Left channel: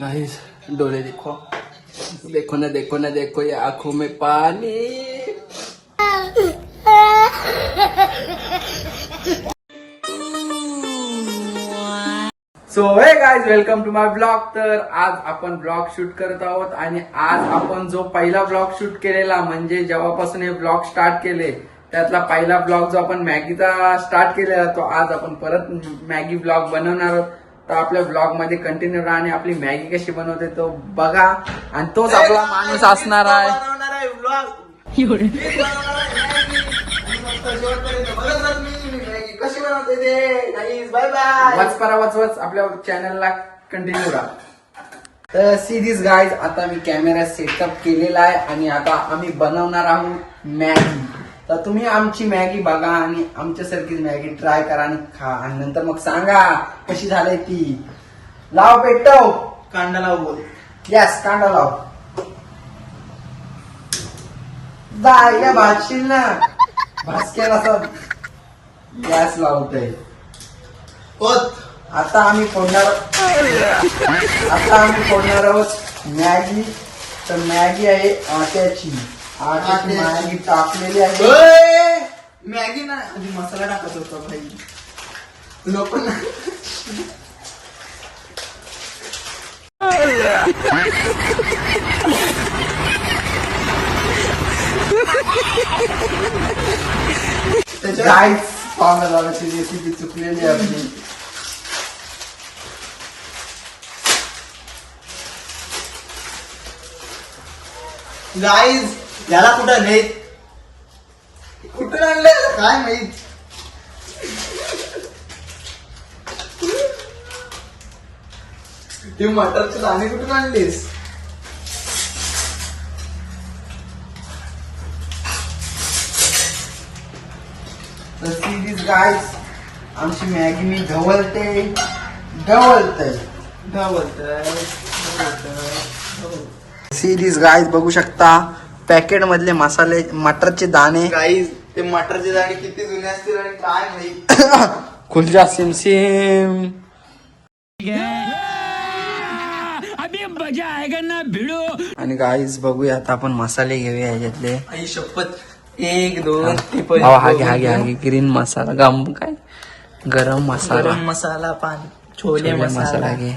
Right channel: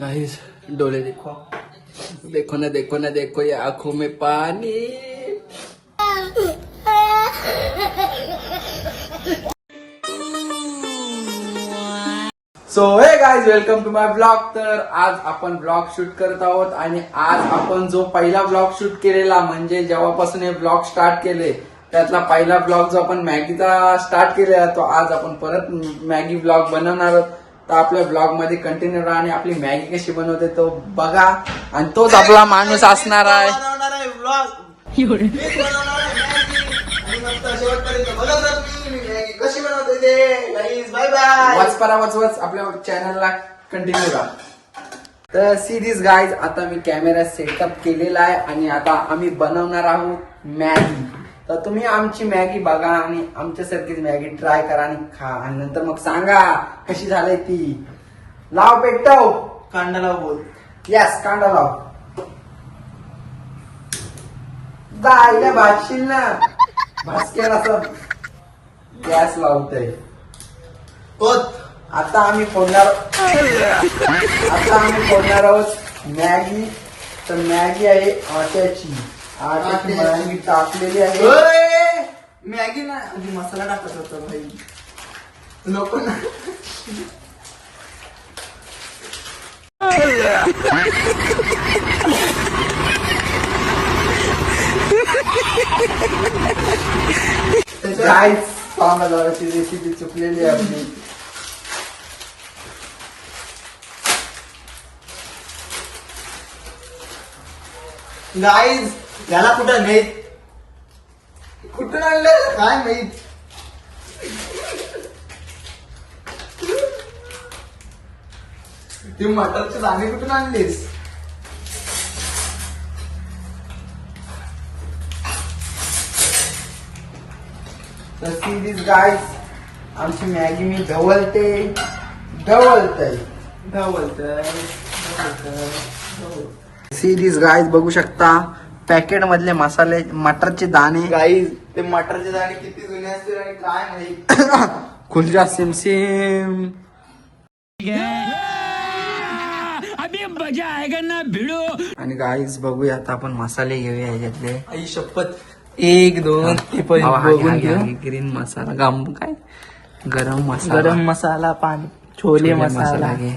Guys डोले देखो, देखो ना देखो ना देखो, ये आंखों में पानी। So hey guys, welcome to my blog. तर आज आपण ब्लॉग शूट करत आहोत आणि आज आपण जो पहिला ब्लॉग शूट केलेला म्हणजे जेव्हापासून हे ब्लॉग स्टार्ट केले त्यातला पहिला ब्लॉग जो आपण मॅगीचा स्टार्ट केलेला तो आज आपण परत मॅगी ब्लॉग बनवणार आहोत। तर आपल्या ब्लॉग मध्ये कंटिन्यू राहा आणि आपली मॅगी कशी बनवते तो बघा आणि तोच आपला माणूस असणार आहे। कशी बनवते ते गाईज, बाय बाय। वाच आपल्या चॅनलला कंटिन्यू राहा। तर सी दिस गाईज, आता मी कॅमेरा सेटअप केलेला आहे आणि आता आम्ही बनवणार आहोत मॅगी। तर तुम्ही आमची मॅगी बघा आणि आमच्यासारखीच मॅगी ट्राय करा आणि खा आणि नंतर मग सांगा कशी झाली ती। लाव पेटव, कांदा लाव बोल। यस कांदा लाव। जायला भाजशील ना, भाजकेला असं गॅस लावतोय। आता आम्ही फोडणार आहोत मॅगी। तर मॅगी आहे आट्याची मॅगी टाकलेली आहे। मॅगी ना आधी मसाला टाकत होता भाई, लोक ना गाईस पावभाजीची रेसिपी चुकलेली आहे आपली। गाईज याला कुठं नेत, कुठून आणलं काय माहित। ती मटरचे दाणे कुठून आणलीस? तर सिरीज गाईस, आमची मॅगी मी ढवळते। सिरीज गाईस बघू शकता पॅकेट मधले मसाले, मटरचे दाणे। गाईज ते मटरचे दाणे किती जुने असतील आणि काय माहित। खुलजा सिमसिम अभी मजा आएगा ना भिड़ो। आणि गाईस बघूया आता आपण मसाले घेऊया याच्यातले। आई शपथ, 1 2 3 हागे ग्रीन मसाला, गरम मसाला, गरम मसाला, पान छोले मसाला घे,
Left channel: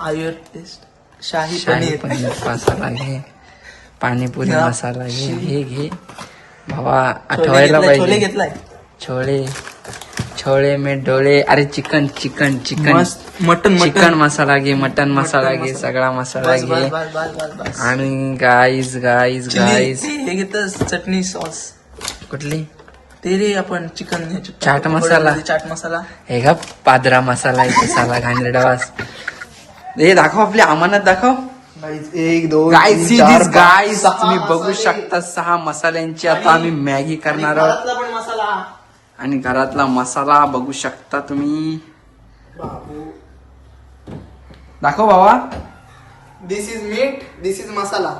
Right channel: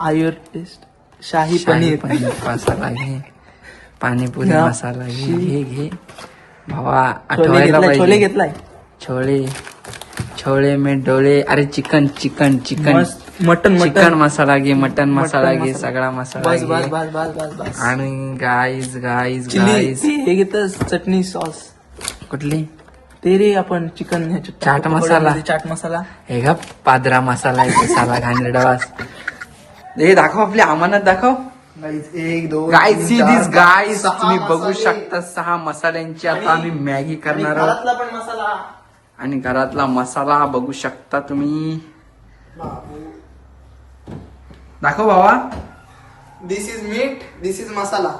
आयुर टेस्ट, शाही शाही पनीर पनीर मसाला घे, पाणीपुरी घ्या. मसाला घे भावा, छोले आठवायला घेतलाय, छोले पाहिजे। घेतलाय, छोले में डोले, अरे चिकन मस्त मटन चिकन मसाला घे, मटन मसाला घे, सगळा मसाला बस, घे। बस, बस, बस, बस. आणि गाईज हे घेतलं चटणी सॉस, कुठली ते रे आपण चिकन घ्यायचं, चाट मसाला, चाट मसाला, हे का पादरा मसाला इथे साला घाणेरडावास। हे दाखव, आपली अमानत दाखव। 1 2 गाईज सी दिस गाईज, तुम्ही बघू शकता 6 मसाल्यांची आता आम्ही मॅगी करणार आहोत पण मसाला आणि घरातला मसाला बघू शकता तुम्ही। बाबू, दाखव बाबा। दिस इज मीट, दिस इज मसाला,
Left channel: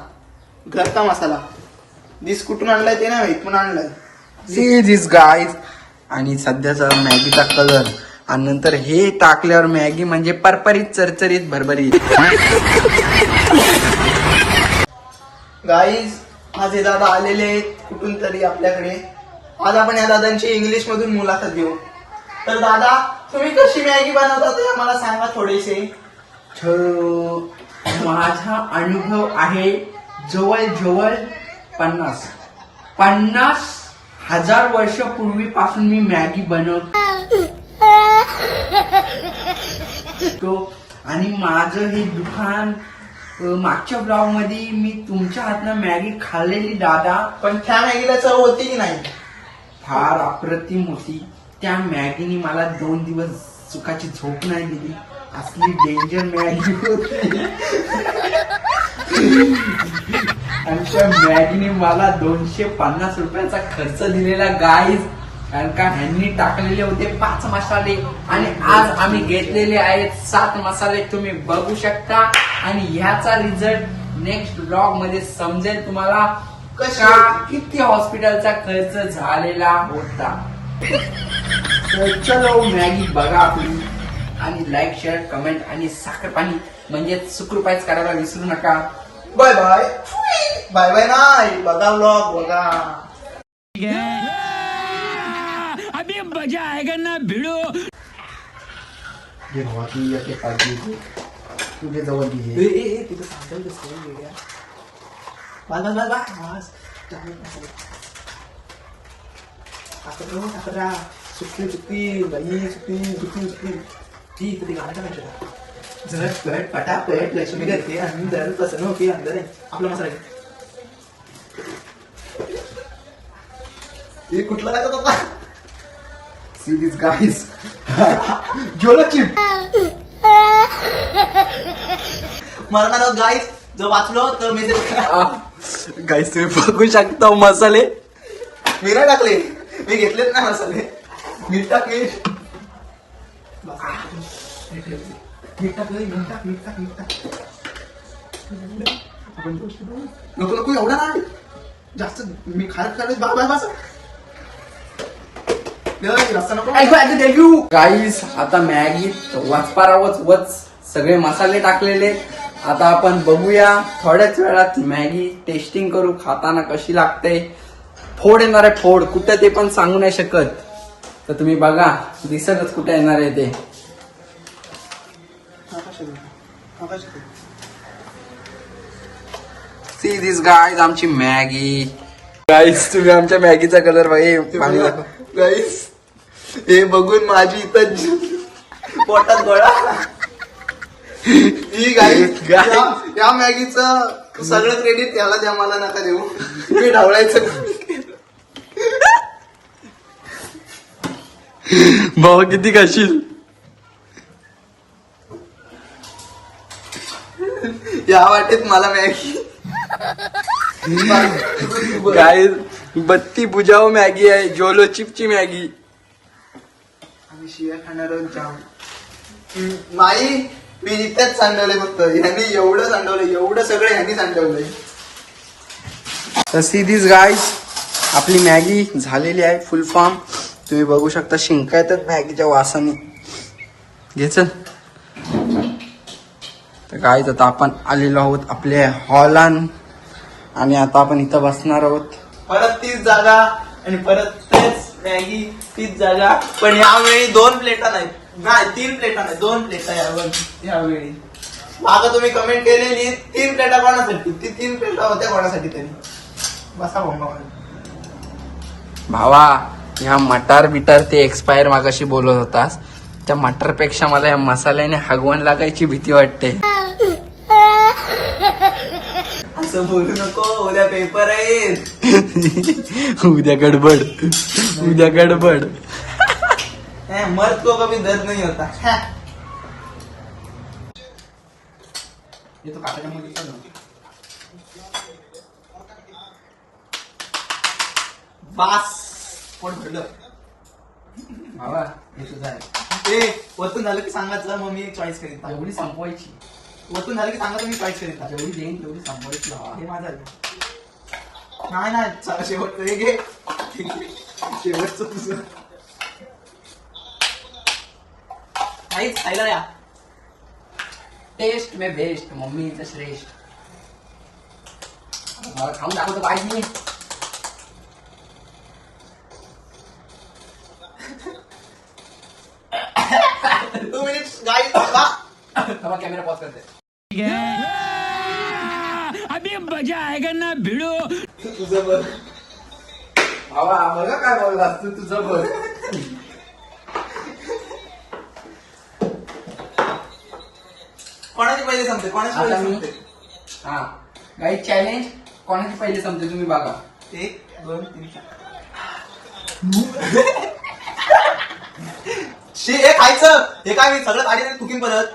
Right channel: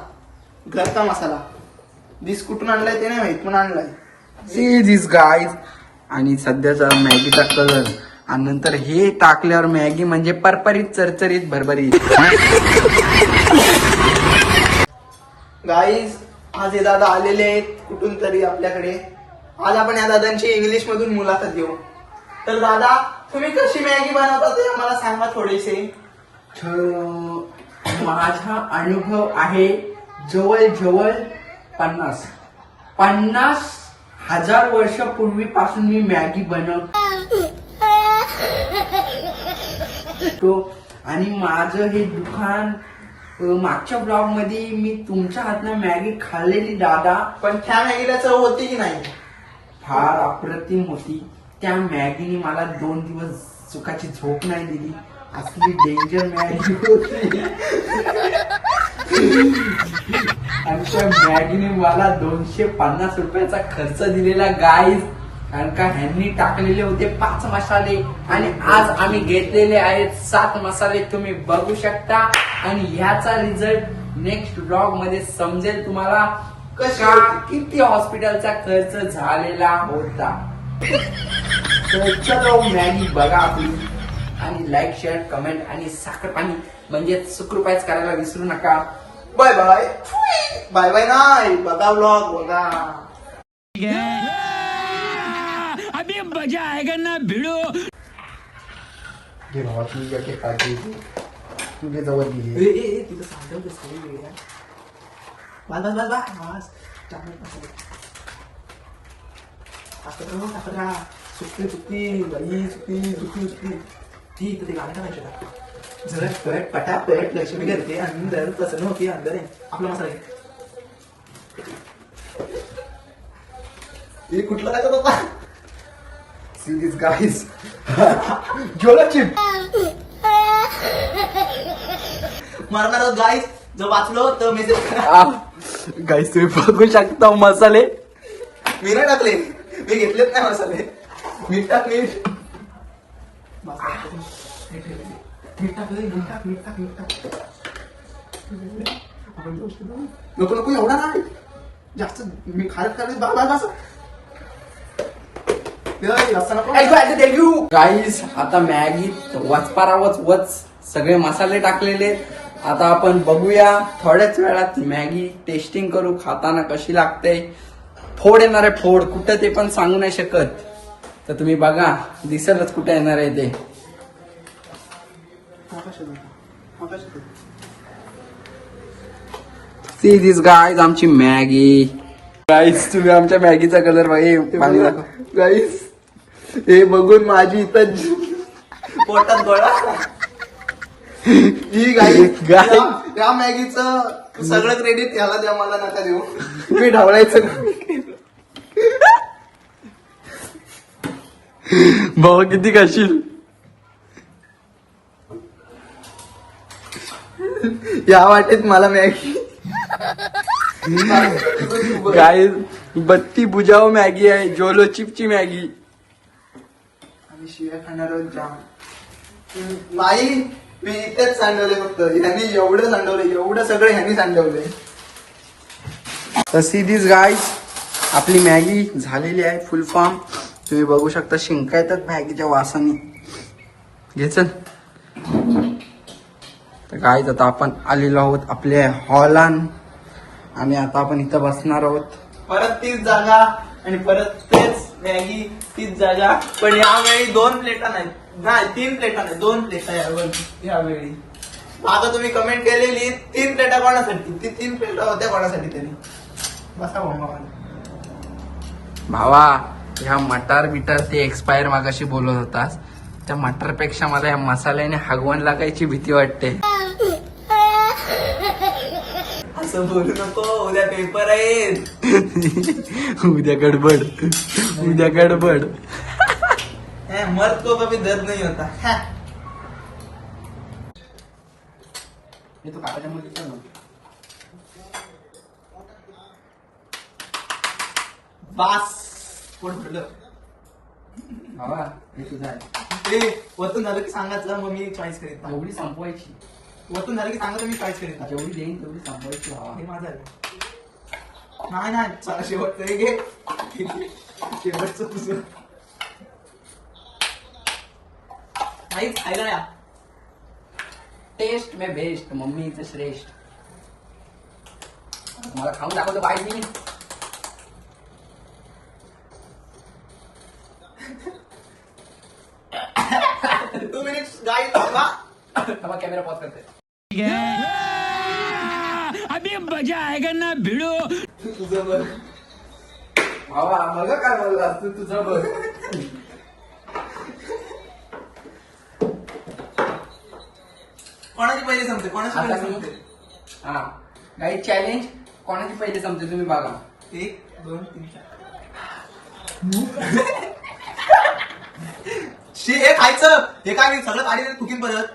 घरचा मसाला। दिस कुठून आणलाय ते नाही माहित, पण आणलाय। सी दिस गाईज, आणि सध्याचा मॅगीचा कलर आणि नंतर हे टाकल्यावर मॅगी म्हणजे परपरीत चरचरीत भरभरीत। गाईज आज हे दादा आलेले आहेत कुठून तरी आपल्याकडे। आज आपण या दादांची इंग्लिश मधून मुलाखत घेऊ। तर दादा, तुम्ही कशी मॅगी बनवता ते आम्हाला सांगा थोडेसे। माझा अनुभव आहे जवळ 50,000 वर्षापूर्वीपासून मी मॅगी बनवतो आणि माझं हे दुकान, मागच्या ब्लॉग मध्ये मी तुमच्या हातनं मॅगी खाल्लेली दादा, पण त्या मॅगीला चव होती की नाही? फार अप्रतिम होती। त्या मॅगीने मला 2 दिवस सुखाची झोप नाही दिली, असली डेंजर मॅगी होती। आणि त्या मॅगीने मला 250 रुपयाचा खर्च दिलेला गाईज, कारण का ह्यांनी टाकलेले होते 5 मसाले आणि आज आम्ही घेतलेले आहेत 7 मसाले, तुम्ही बघू शकता। आणि ह्याचा रिझल्ट नेक्स्ट ब्लॉग मध्ये समजेल तुम्हाला किती हॉस्पिटलचा खर्च झालेला होता। चलो मॅगी बघा आपली आणि लाईक शेअर कमेंट आणि साखर पाणी म्हणजे सुकृपाईच करायला विसरू नका. Bye bye. बाय बाय नाही, बघा व्लॉग बघा. अभी मजा आएगा ना भिड़ो. घे भावा तू एक एक काळजी घे. तुझ्या जवळ घे. तुझं सांगतो बस बस बस बस. सुट्टी सुट्टी बाई सुट्टी सुट्टी सुट्टी ती इथे गाणं करायचं का? झटपट पटापट लक्ष्मी करते अंदर प्रसन्न होती अंदर आहे आपला मसाला घे. हे कुठला टाकत होता? See these guys. जोला चिप. मरणार गाईस जर वाचलो तर मेसेज गाईस तुम्ही बघू शकता मसाले. मी नाही टाकले, मी घेतलेच नाही मसाले. मीठ टाक मीठ. मीठ टाकले मीठ टाक मीठ टाक मीठ टाक. नको नको एवढा नाही जास्त मी खायला खायला बा बा बस. गाईस आता मॅगी वचपारावच वच सगळे मसाले टाकलेले. आता आपण बघूया थोड्याच वेळात मॅगी टेस्टिंग करू खाताना कशी लागते. फोड येणार आहे फोड कुठे ते पण सांगू नाही शकत. तर तुम्ही बघा दिसतच कुठे येणार आहे ते. सी दिस गाईज आमची मॅगी. गाईज तुम्ही आमच्या मॅगीचा कलर बघा पाणी दाखव. गाईस हे बघून माझी इथं पोटात गोळा. ही गाईस या मॅगीचं सगळं क्रेडिट याला द्या, मला नका देऊ. मी ढवळायचं. भाऊ किती खाशील. या वाटेत मला मॅगी गाईज बत्ती बुजाव मॅगी आहे. जोलो चिपची मॅगी. आम्ही शिव्या खाणार आहोत जाम. नाही मी इथेच सांडवलंय फक्त. ह्यांनी एवढं सांडवलंय, एवढं सगळं ह्यांनी सांडवलंय. तर सी दिस गाईज आपली मॅगी झालेली आहे फुल फॉर्म. तुम्ही बघू शकता शिंका येतात मॅगीच्या वासाने. घे चल. तर गाईज आता आपण आलेलो आहोत आपल्या हॉलान आणि आता आपण इथं बसणार आहोत. परत तीच जागा आणि परत तेच मॅगी तीच जागा. पण यावेळी 2 प्लेटा नाही, 3 प्लेटा नाही 2 प्लेटा यावेळी. मागं तुम्ही कमेंट केलेली 3 प्लेटा कोणासाठी, ती 3 प्लेटा होत्या कोणासाठी तरी. बसा भाऊ. भावा ह्या मटार बिटार ते एक्सपायर मागाशी बोलत होतास. त्या मटार पेक्षा मला या मसाल्याने हागवण लागायची भीती वाटते. असं बोलू नको, उद्या पेपर आहेत. उद्या गडबड उद्या गडबड. मर्द को कभी दर्द नहीं होता. बास पोट भरलं. भावा हे तुझं आहे. ते वरतून झालं की सांगायचं, मग मी चॉईस करीत. एवढी संपवायची. वरतून झालं की सांगायचं, मी चॉईस करीत. जेवढी देईन तेवढी संपवायची. हे माझं आहे. नाही नाही चला शेवटचं हे घे. शेवटचं तुझं काहीच खायला या. टेस्ट में बेस्ट मम्मी इज श्रेष्ठ. मला खाऊन दाखवतो पाहिजे. 2 minutes गाइस. कॅमेरा पॉज करते. अभी मजा आएगा ना भिड़ो. तुझं बघ भावा मला काय बोललास तू. तुझं बघ. कोणाची पहिले संपते, कोणाची आता पहिले मी संपते. हा गाईड चॅलेंज कोणाची पहिले संपते तुम्ही बघा. 1 2 3 4. हे खायचं. हे काय मी सगळं काढी कुकिंग परत.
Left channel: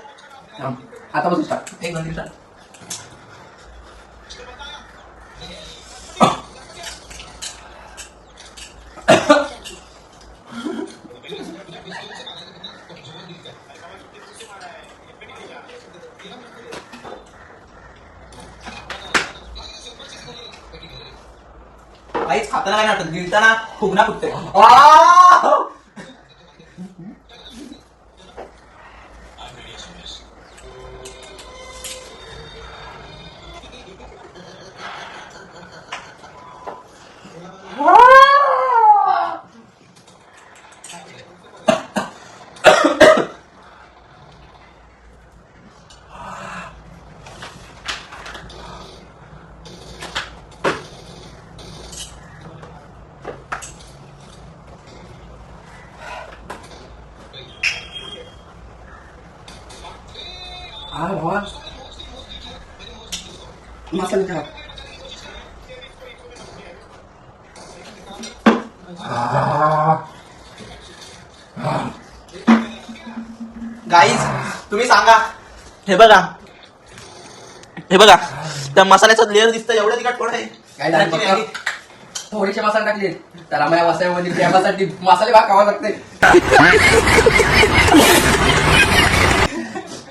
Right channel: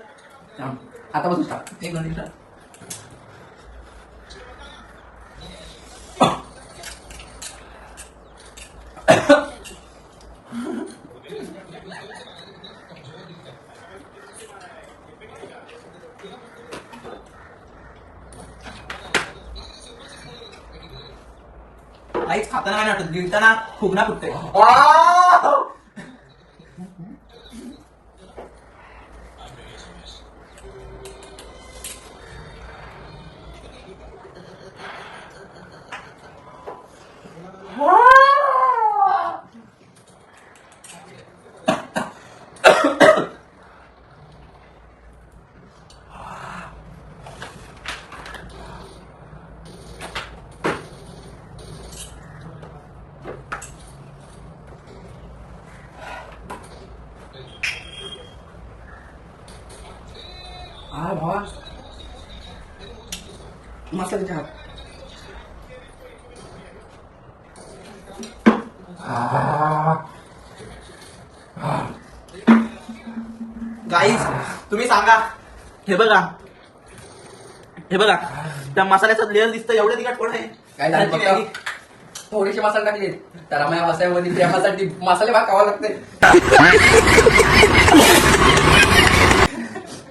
आता बघू स्टार्ट. 1 2 3 4. काहीच खाताना काय वाटत, गिळताना फुगणा फुटते. हा भावा मसाला ठेवा. गाईज तुम्ही सांगा. हे बघा त्या मसाल्याचा लेअर दिसतं एवढं तिखट कोण आहे? काय झालं त्याची बघा. मॅगी. थोडेसे मसाले टाकले त्याला माझ्या वसायामध्ये प्रेमासाठी मसाले भाग खावा लागते.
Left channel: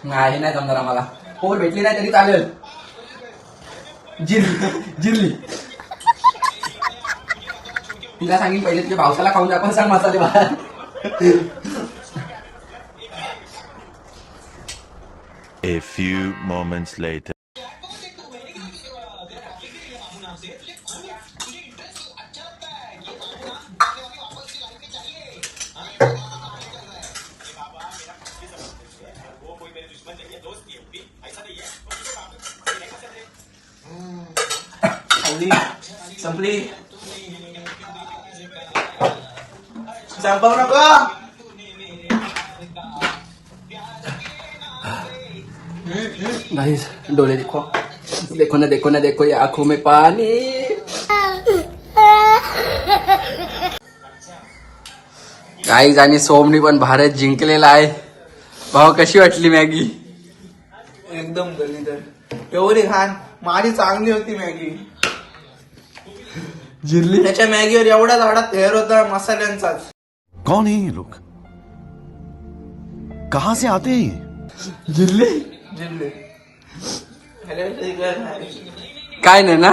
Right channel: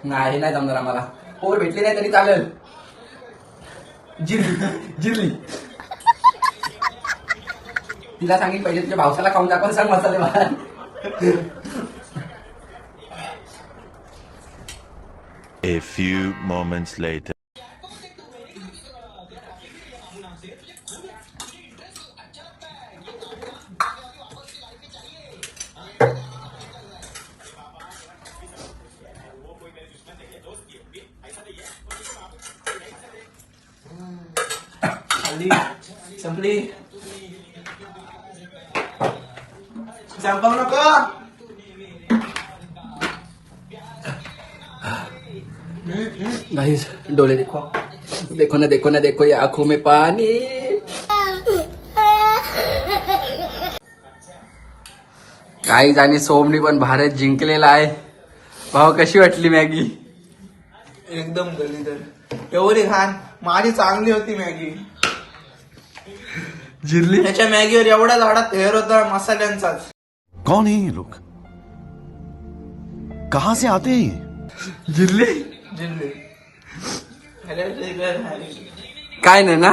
नाही नाही जमणार आम्हाला. पोर भेटली नाही तरी चालेल. जिरली तिला सांगेन पहिले तुझ्या भावसाला खाऊन दाखवून सांग मसाले भात. A few moments later. संपली. संपव नको. गाइस डोले देखो देखो ना देखो ये आंखों में पानी. गाईज आणि सोमनी पण भारत जिंकलेला आहे. भाऊ कशी वाटली मॅगी? एकदम गलीदर एवढी घाण. माझी चांगली होती मॅगी. जिरली त्याच्या मॅगीवर एवढा झाडात हेर होता मसाल्यांचाच. कौन है ये लोग? कहां से आते हैं ये? जिरली जिल्हे काय नाही ना.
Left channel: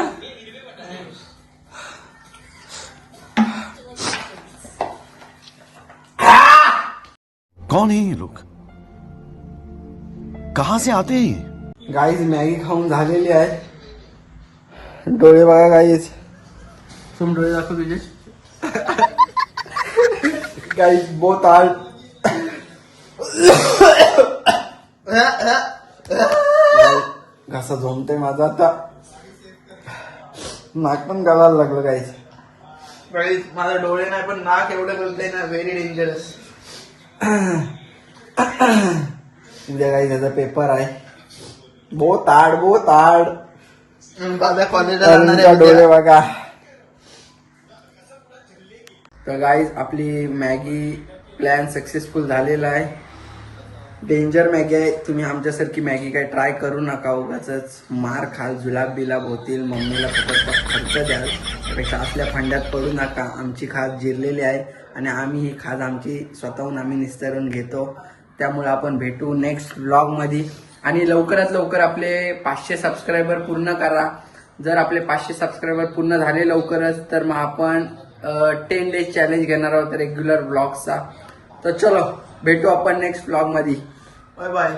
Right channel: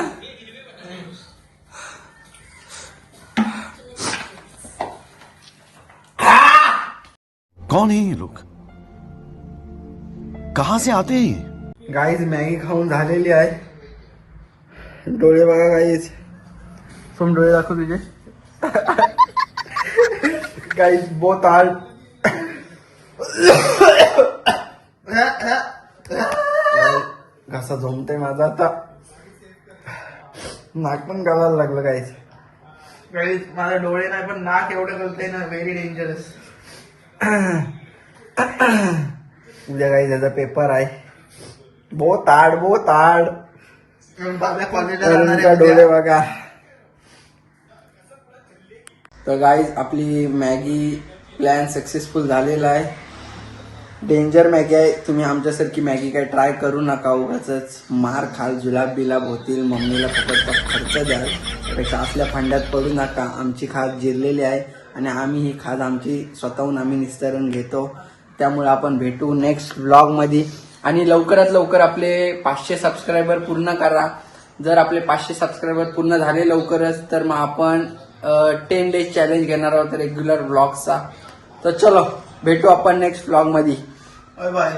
कौन है ये लोग? कहां से आते हैं ये? गाईज मॅगी खाऊन झालेली आहे. डोळे बघा गाईज. सोम डोळे दाखव तुझे. गाईज बहुत हार्ड. घसा झोमतोय माझा आता. नाक पण गळायला लागलं गाईज. गाईज माझे डोळे नाही पण नाक एवढं गलतंय ना. Very dangerous. उद्या गाईज याचा पेपर आहे. बहुत हार्ड. दादा अरुणचा डोळे बघा. तर गाईज आपली मॅगी प्लॅन सक्सेसफुल झालेला आहे. डेंजर मॅगी आहे. तुम्ही आमच्यासारखी मॅगी काय ट्राय करू नका. उगाच मार खाल, जुलाब बिलाब होतील, मम्मीला फुकट खर्च द्याल. त्यापेक्षा असल्या फंड्यात पडू नका. आमची खाज जिरलेली आहे आणि आम्ही ही खाज आमची स्वतःहून आम्ही निस्तरून घेतो. त्यामुळे आपण भेटू नेक्स्ट व्लॉगमध्ये. आणि लवकरात लवकर आपले 500 सबस्क्रायबर पूर्ण करा. जर आपले 500 सबस्क्रायबर पूर्ण झाले लवकरच तर मग आपण 10 डेज चॅलेंज घेणार आहोत रेग्युलर व्लॉगचा. तर चलो भेटू आपण नेक्स्ट व्लॉगमध्ये. Bye bye.